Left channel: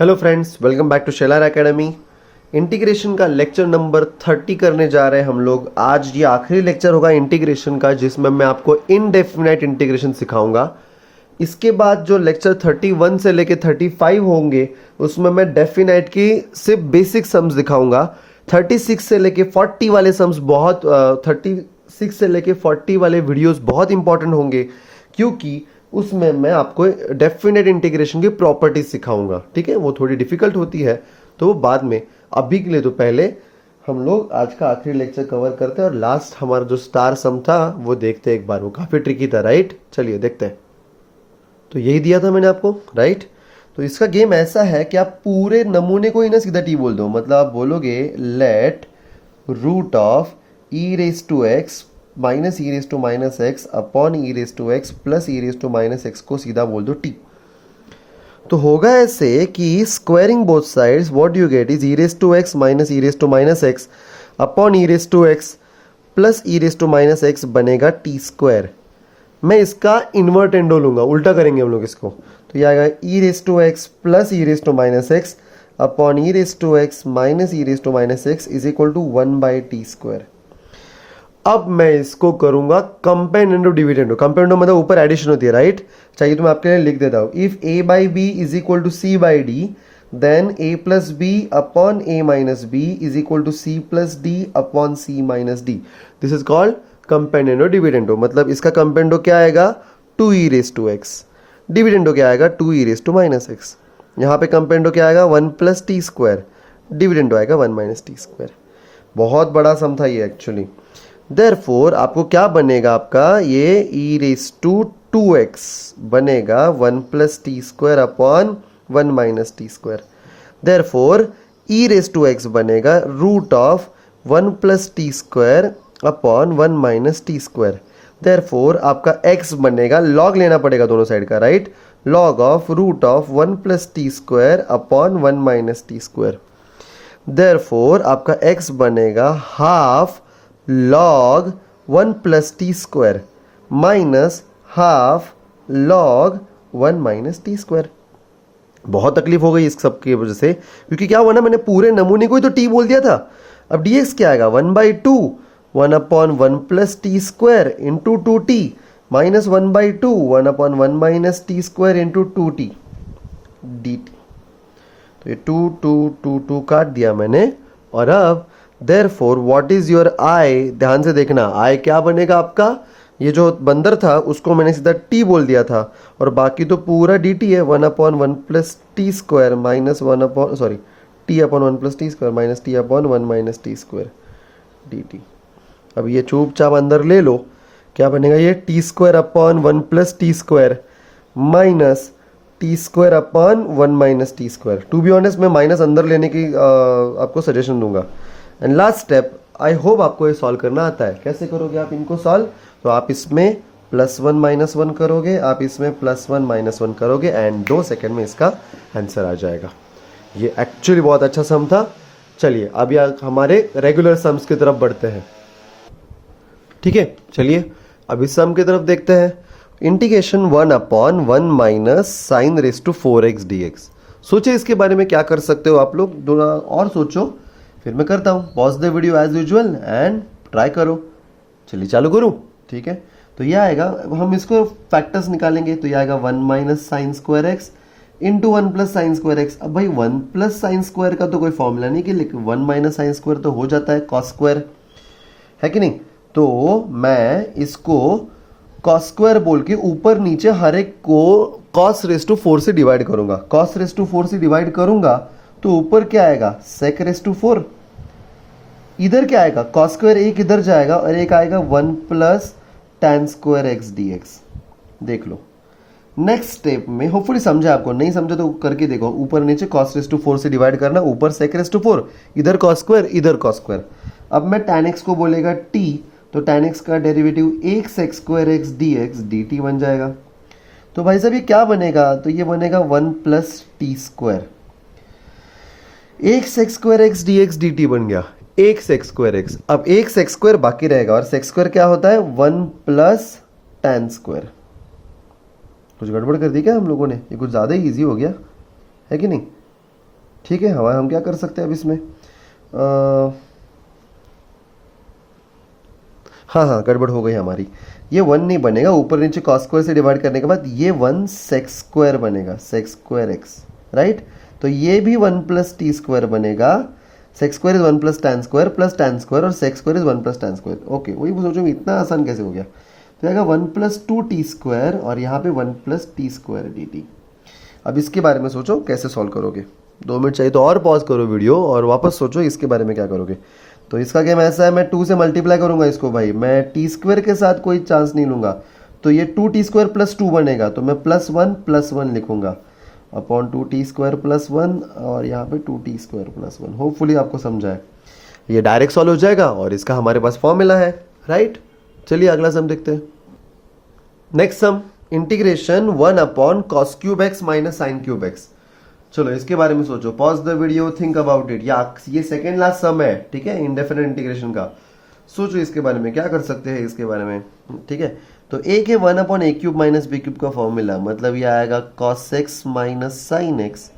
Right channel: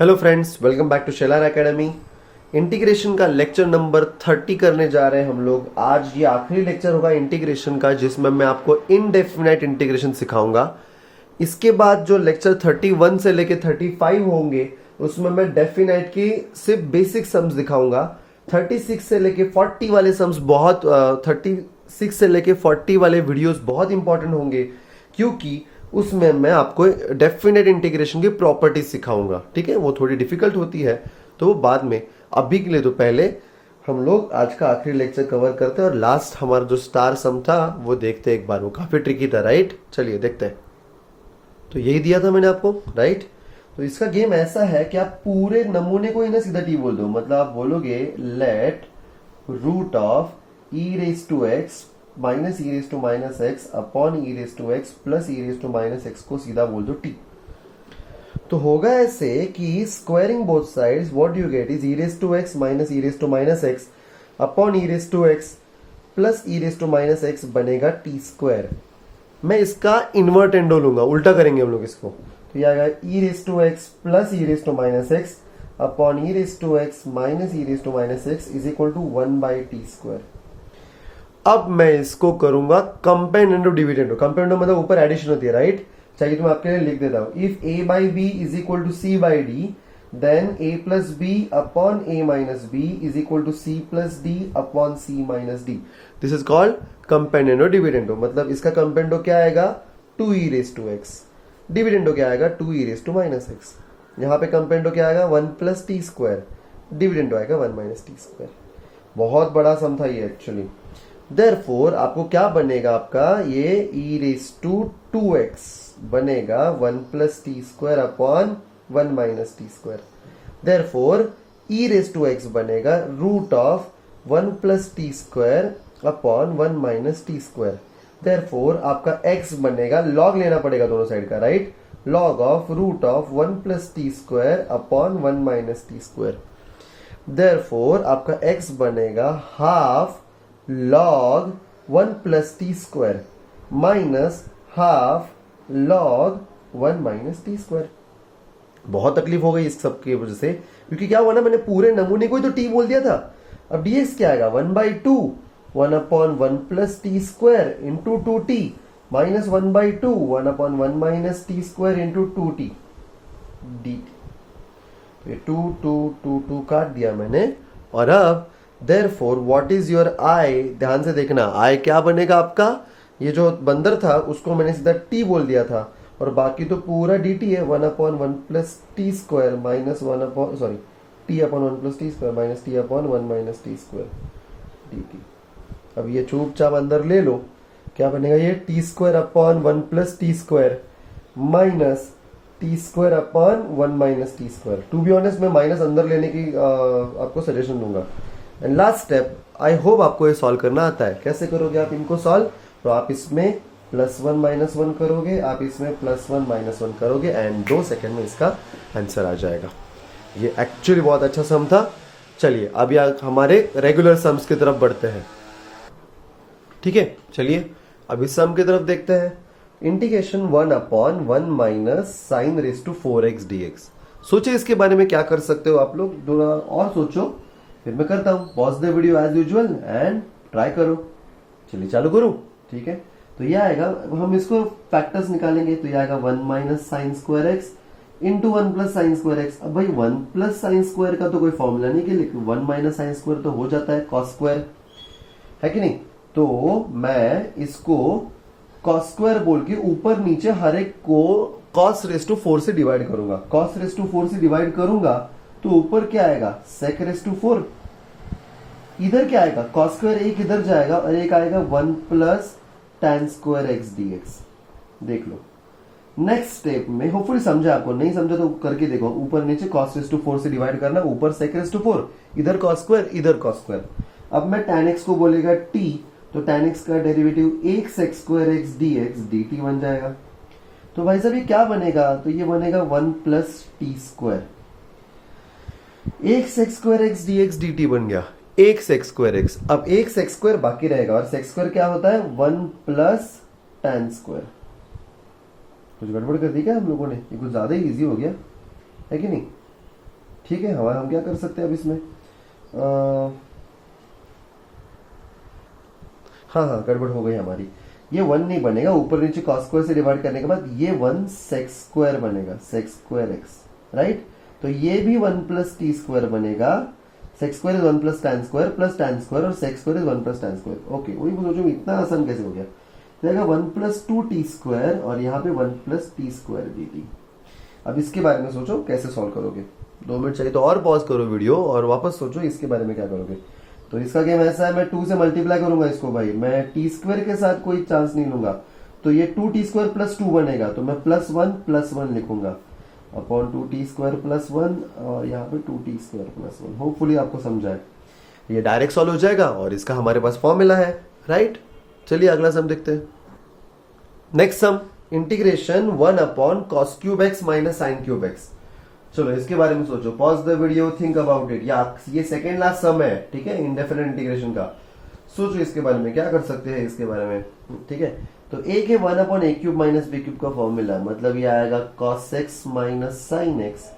Hello friends, welcome back to Shelar academy. Integration का lecture number 30 करने जा रहे हैं हम लोग। आज ये आखिरी लेक्चर होगा इंटीग्रेशन का, जिसमें मैं आपको इनडेफिनाइट इंटीग्रेशन सिखाऊंगा। इसके बाद जो लेक्चर 31 से लेके 35 होंगे उसमें मैं डेफिनाइट की सिर्फ बेसिक सम्स दिखाऊंगा। 36 से लेके 40 वाले सम्स बहुत 36 से लेके 40 वाले वीडियोस बहुत इंपॉर्टेंट होंगे, क्योंकि उसमें मैं आपको डेफिनेट इंटीग्रेशन की प्रॉपर्टीज सिखाऊंगा। ठीक है, वो थोड़ी डिफिकल्ट होती है तो वो बाद में। अभी के लिए तो पहले हम लोग आज का आखिरी लेक्चर कवर करते हैं और लास्ट हमारा जो स्टार सम था वो देखते हैं एक बार। वो काफी ट्रिकी था, राइट? चलिए देखते हैं। तो यही दिया था मैंने आपको, राइट? तो इसका गेम ऐसा है कि आप पूरे नमूने को ही ना सीधा टी बोल दो। मतलब आप बोलोगे let root of e raise to x minus e raise to minus x upon e raise to x plus e raise to minus x को सीधा बोल दो टी। तो होगा ऐसे कि squaring both sides what you get is e raise to x minus e raise to minus x upon e raise to x plus e raise to minus x बनेगा t square. मैं इसका invertendo लूंगा, उल्टा करेंगे हम लोग इसको। तो ये आएगा e raise to x plus e raise to minus x upon e raise to x minus e raise to minus x is equal to 1/t square. अब मैं इसको करूंगा कंपेंडेंडो डिविडेंडो। कंपेंडेंडो मतलब ऊपर एडिशन होती है, राइट? चाहिए तो मैं आपके लिए लिख देता हूं। If a by b is equal to c by d then a plus b upon a minus b is equal to c plus d upon c minus d. This is called componendo dividendo. मतलब इसका कंपेंडो क्या आएगा? 2e race to x. Dividendo क्या आएगा? 2e race to minus x. यहाँ पे कंपेंडो क्या आएगा? 1 प्लस टी स्क्वायर। डिविडेंडो आएगा 1 माइनस टी स्क्वायर। बहुत बड़ा सम था ये एक्चुअली। Therefore, आपको क्या बनेगा? आपका ये e रेस टू 2x बनेगा 1 plus t square upon 1 minus t square. Therefore, e raise to x बनेगा root of 1 plus t square upon 1 minus t square. Therefore, आपका x बनेगा, लॉग लेना पड़ेगा दोनों साइड का, right? Log of root of 1 plus t square upon 1 minus t square. Therefore, आपका x बनेगा half log 1 plus t square minus half log 1 minus t square. बहुत तकलीफ हो गई इस सब की वजह से, क्योंकि क्या हुआ ना, मैंने पूरे नमूने को ही तो टी बोल दिया था। अब dx क्या आएगा? 1/2 1 upon 1 plus t square into 2t minus 1/2 1 upon 1 minus t square into 2t dt। तो ये 2 काट दिया मैंने। और अब Therefore, what is your I? ध्यान से देखना, I क्या बनेगा आपका? ये जो बंदर था उसको मैंने सीधा t बोल दिया था, और बाकी तो पूरा dt है। 1 upon 1 plus t square minus 1 upon t upon 1 plus t square minus t upon 1 minus t square dt। अब ये चुपचाप अंदर ले लो। क्या बनेगा? ये t square upon 1 plus t square minus t square upon 1 minus t square. To be honest मैं minus अंदर लेने की आपको सजेशन दूंगा। And last step, I hope आपको ये सॉल्व करना आता है। कैसे करोगे आप इनको सॉल्व? तो आप इसमें +1 -1 करोगे, आप इसमें +1 -1 करोगे एंड 2 सेकेंड में इसका आंसर आ जाएगा। ये एक्चुअली बहुत अच्छा सम था। चलिए अभी हमारे रेगुलर सम्स की तरफ बढ़ते हैं। ठीक है, चलिए अब इस सम की तरफ देखते हैं। Integration 1 upon 1 minus sine raise to 4x dx। सोचिए इसके बारे में क्या कर सकते हो आप लोग, थोड़ा और सोचो, फिर मैं करता हूँ। Pause the video as usual and try करो। चलिए चालू करूँ, ठीक है? तो यह आएगा, हम इसको फैक्टर्स निकालेंगे। तो यह आएगा 1 minus sine square x into 1 plus sine square x. अब भाई 1 प्लस साइन स्क्वायर का तो कोई फॉर्मूला नहीं कि 1 माइनस साइन स्क्वायर तो हो जाता है कॉस स्क्वायर, है कि नहीं? तो मैं इसको कॉस स्क्वायर बोल के ऊपर नीचे हर एक को कॉस रेस टू 4 से डिवाइड करूंगा। कॉस रेस टू 4 से डिवाइड करूंगा तो ऊपर क्या आएगा? Sec raise to 4। इधर क्या आएगा? कॉस स्क्वायर एक इधर जाएगा और एक आएगा 1 plus tan square x dx। देख लो नेक्स्ट स्टेप में, होपफुली समझा आपको। नहीं समझा तो करके देखो। ऊपर नीचे cos रेस टू 4 से डिवाइड करना, ऊपर sec रेस टू 4, इधर cos स्क्वायर इधर cos स्क्वायर। अब मैं tan x को बोलेगा t, तो tan x का derivative 1 sec square x dx dt बन जाएगा। तो भाई साहब ये क्या बनेगा? तो ये बनेगा 1 plus t square. 1 sec square x dx dt बन गया 1 sec स्क्वायर एक्स। अब 1 sec स्क्वायर बाकी रहेगा, और sec स्क्वायर क्या होता है? 1 प्लस tan स्क्वायर। कुछ गड़बड़ कर दी क्या हम लोगों ने? ये कुछ ज्यादा ही इजी हो गया, है कि नहीं? ठीक है, हम क्या कर सकते हैं अब इसमें, हाँ गड़बड़ हो गई हमारी। ये 1 नहीं बनेगा, ऊपर नीचे कॉस स्क्वायर से डिवाइड करने के बाद ये 1 सेक स्क्वायर बनेगा, सेक स्क्वायर एक्स, राइट। तो ये भी 1 प्लस टी स्क्वायर बनेगा। Sec square is 1 plus tan square और sec square is 1 plus tan square. Okay, वही सोचो इतना आसान कैसे हो गया। तो आएगा 1 प्लस 2 टी स्क्वायर और यहाँ पे 1 plus t square D T. अब इसके बारे में सोचो कैसे सॉल्व करोगे। 2 मिनट चाहिए तो और पॉज करो वीडियो और वापस सोचो इसके बारे में क्या करोगे। तो इसका गेम ऐसा है, मैं 2 से मल्टीप्लाई करूंगा इसको भाई, मैं टी स्क्वायर के साथ कोई चांस नहीं लूंगा। तो ये 2 टी स्क्वायर प्लस 2 बनेगा, तो मैं प्लस वन लिखूंगा अपॉन 2 टी स्क्वायर प्लस 1 और यहाँ पे 2 टी स्क्वायर प्लस 1। होपफुली आपको समझा है। ये डायरेक्ट सॉल्व हो जाएगा और इसका हमारे पास फॉर्मूला है, राइट। चलिए अगला सम देखते हैं। Next sum, integration 1 upon cos cube x minus sine cube x. चलो इसके बारे में सोचो, pause the video, think about it. या ये सेकेंड लास्ट सम है, ठीक है, इंडेफिनिट इंटीग्रेशन का। सोचो इसके बारे में क्या कर सकते हैं इसके बारे में, ठीक है। तो ए के 1 अपॉन ए क्यूब माइनस बी क्यूब का फॉर्मूला, मतलब ये आएगा cos x minus sine x,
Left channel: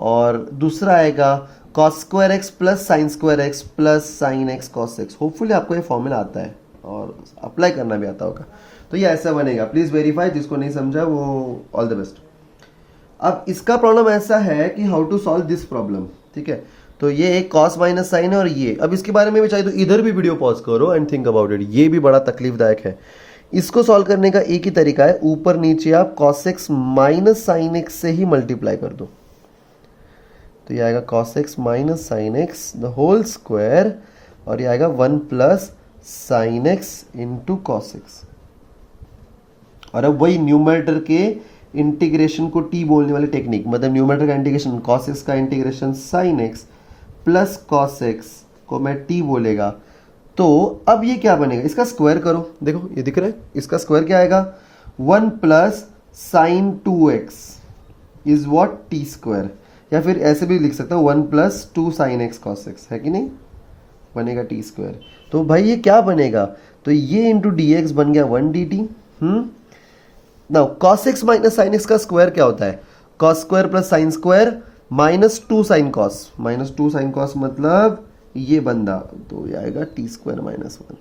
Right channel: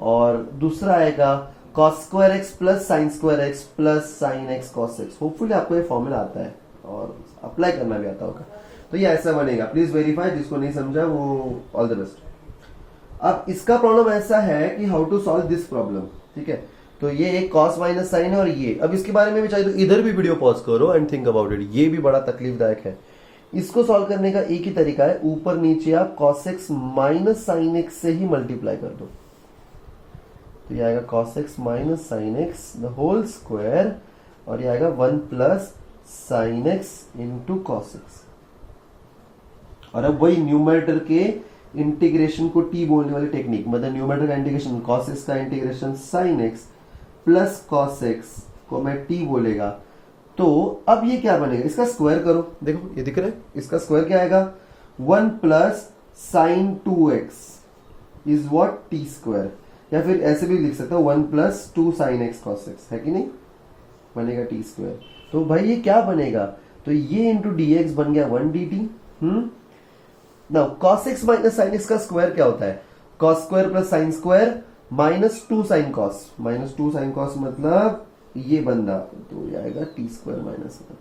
और दूसरा आएगा cos square x plus sine square x plus sine x cos x. Hopefully आपको ये फॉर्मूला आता है और अप्लाई करना भी आता होगा। तो ये ऐसा बनेगा, प्लीज वेरीफाई, जिसको नहीं समझा वो ऑल द बेस्ट। अब इसका प्रॉब्लम ऐसा है कि how to solve this problem, ठीक है। तो ये एक कॉस माइनस साइन है और ये, अब इसके बारे में भी चाहिए तो इधर भी वीडियो पॉज करो एंड थिंक अबाउट इट। ये भी बड़ा तकलीफदायक है। इसको सॉल्व करने का एक ही तरीका है, ऊपर नीचे आप cos x minus sine x से ही मल्टीप्लाई कर दो। तो ये आएगा cos x minus sine x the whole square, और ये आएगा 1 plus sine x into cos x. और अब वही न्यूमरेटर के इंटीग्रेशन को टी बोलने वाली टेक्निक, मतलब न्यूमरेटर का इंटीग्रेशन कॉस एक्स का integration sine x plus cos x को मैं टी बोलेगा। तो अब ये क्या बनेगा, इसका स्क्वायर करो, देखो ये दिख रहा है, इसका स्क्वायर क्या आएगा, 1 plus sign 2x is what T square. या फिर ऐसे भी लिख सकता हूं 1 plus 2 sine x cos x, है कि नहीं, बनेगा टी स्क्वायर। तो भाई ये क्या बनेगा, तो ये इंटू डी एक्स बन गया 1 D T. Now cos x minus sine x का स्क्वायर क्या होता है, cos square plus sine square minus 2 sine cos, minus 2 sine cos मतलब ये बंदा, तो ये आएगा टी स्क्वायर माइनस 1,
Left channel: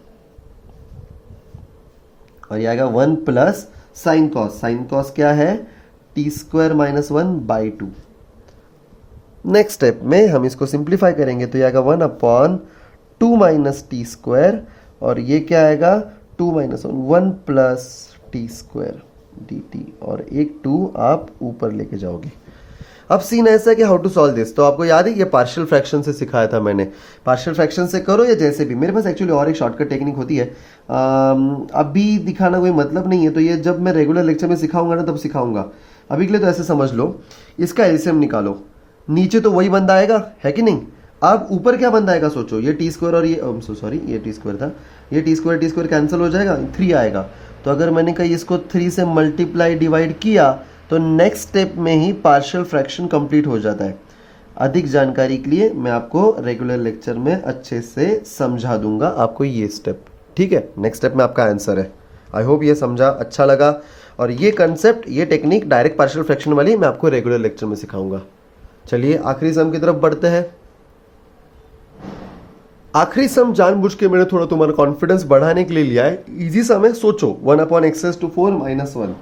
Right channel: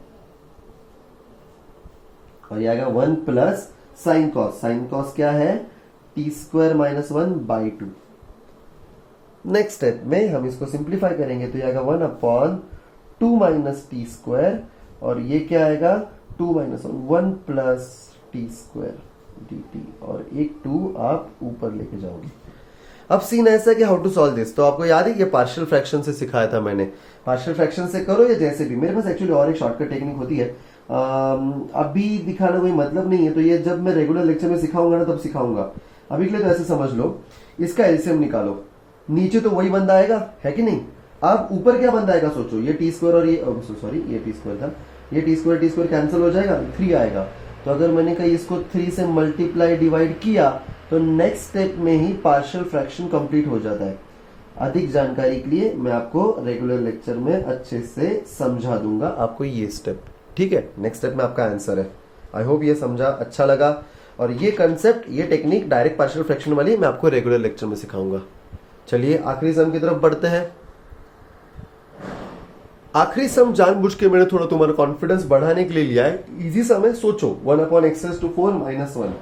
और ये आएगा 1 plus sine cos, sine cos क्या है, T square minus 1 by 2। Next step में हम इसको सिंप्लीफाई करेंगे, तो ये आएगा 1 अपॉन 2 माइनस टी स्क्वायर, और ये क्या आएगा 2 minus 1 plus t square D T, और एक 2 आप ऊपर लेके जाओगे। अब सीन ऐसा है कि हाउ टू सॉल्व दिस, तो आपको याद है ये पार्शियल फ्रैक्शन से सिखाया था मैंने। पार्शियल फ्रैक्शन से करो या जैसे भी, मेरे पास एक्चुअली और एक शॉर्टकट टेक्निक होती है, अभी दिखाना कोई मतलब नहीं है, तो ये जब मैं रेगुलर लेक्चर में सिखाऊंगा ना तब सिखाऊंगा। अभी के लिए तो ऐसे समझ लो, इसका एलसीएम निकालो, नीचे तो वही बंदा आएगा, है कि नहीं। अब ऊपर क्या बंदा आएगा सोचो, ये टी स्क्वायर और ये सॉरी ये टी स्क्वायर था, ये टी स्क्वायर कैंसिल हो जाएगा, 3 आएगा। तो अगर मैंने कहीं इसको 3 से मल्टीप्लाई डिवाइड किया तो नेक्स्ट स्टेप में ही पार्शियल फ्रैक्शन कंप्लीट हो जाता है। अधिक जानकारी के लिए मैं आपको रेगुलर लेक्चर में अच्छे से समझा दूंगा आपको ये स्टेप, ठीक है। नेक्स्ट स्टेप में आपका आंसर है। आई होप ये समझा, अच्छा लगा। और ये कंसेप्ट, ये टेक्निक डायरेक्ट पार्शियल फ्रैक्शन वाली मैं आपको रेगुलर लेक्चर में सिखाऊंगा। चलिए आखिरी सम की तरफ बढ़ते हैं। आखिरी सम जानबूझ के मैंने थोड़ा तुम्हारा कॉन्फिडेंस बढ़ाने के लिए लिया है। इजी सम है, सोचो 1 अपॉन एक्स टू 4 माइनस 1,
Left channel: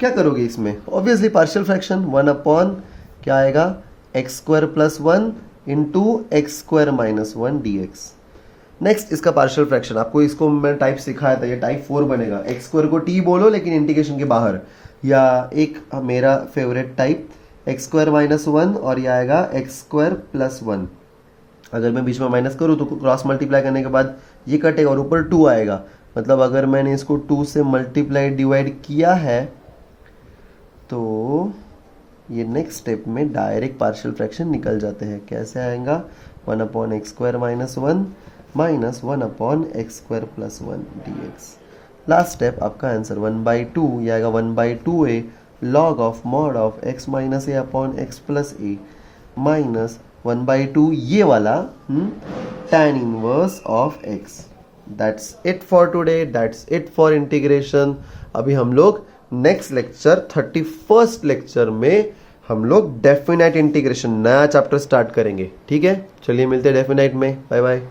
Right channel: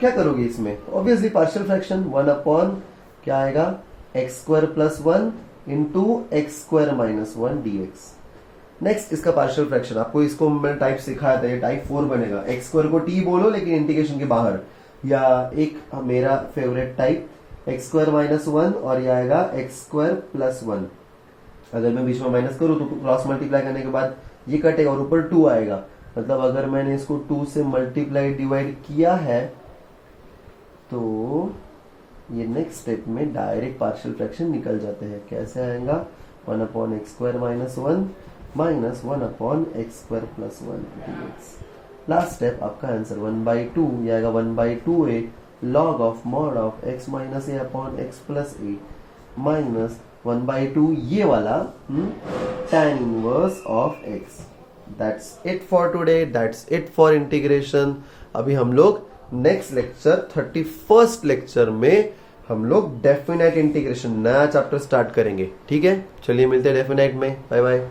क्या करोगे इसमें, ऑब्वियसली पार्शियल फ्रैक्शन 1 अपॉन क्या आएगा x square plus 1 into x square minus 1 D x. Next इसका पार्शियल फ्रैक्शन, आपको इसको मैं टाइप सिखाया था, ये टाइप 4 बनेगा। एक्स स्क्वायर को टी बोलो लेकिन इंटीग्रेशन के बाहर, या एक मेरा favourite type x square minus 1 और यह आएगा एक्स स्क्वायर प्लस 1। अगर मैं बीच में माइनस करूँ तो क्रॉस मल्टीप्लाई करने के बाद ये कटेगा और ऊपर 2 आएगा, मतलब अगर मैंने इसको 2 से मल्टीप्लाई डिवाइड किया है तो ये नेक्स्ट स्टेप में डायरेक्ट पार्शियल फ्रैक्शन निकल जाते हैं। कैसे आएगा, 1 upon x square minus 1 minus 1 upon x square plus 1 D x. Last step आपका आंसर 1/2, ये आएगा 1/2a log of mod of x minus A upon x plus A minus 1/2 ये वाला tan inverse of x। That's it for today, that's it for integration. अभी हम लोग next lecture 31st lecture में हम लोग डेफिनाइट इंटीग्रेशन नया chapter start करेंगे। ठीक है, चलिए मिलते हैं डेफिनाइट में। Bye bye.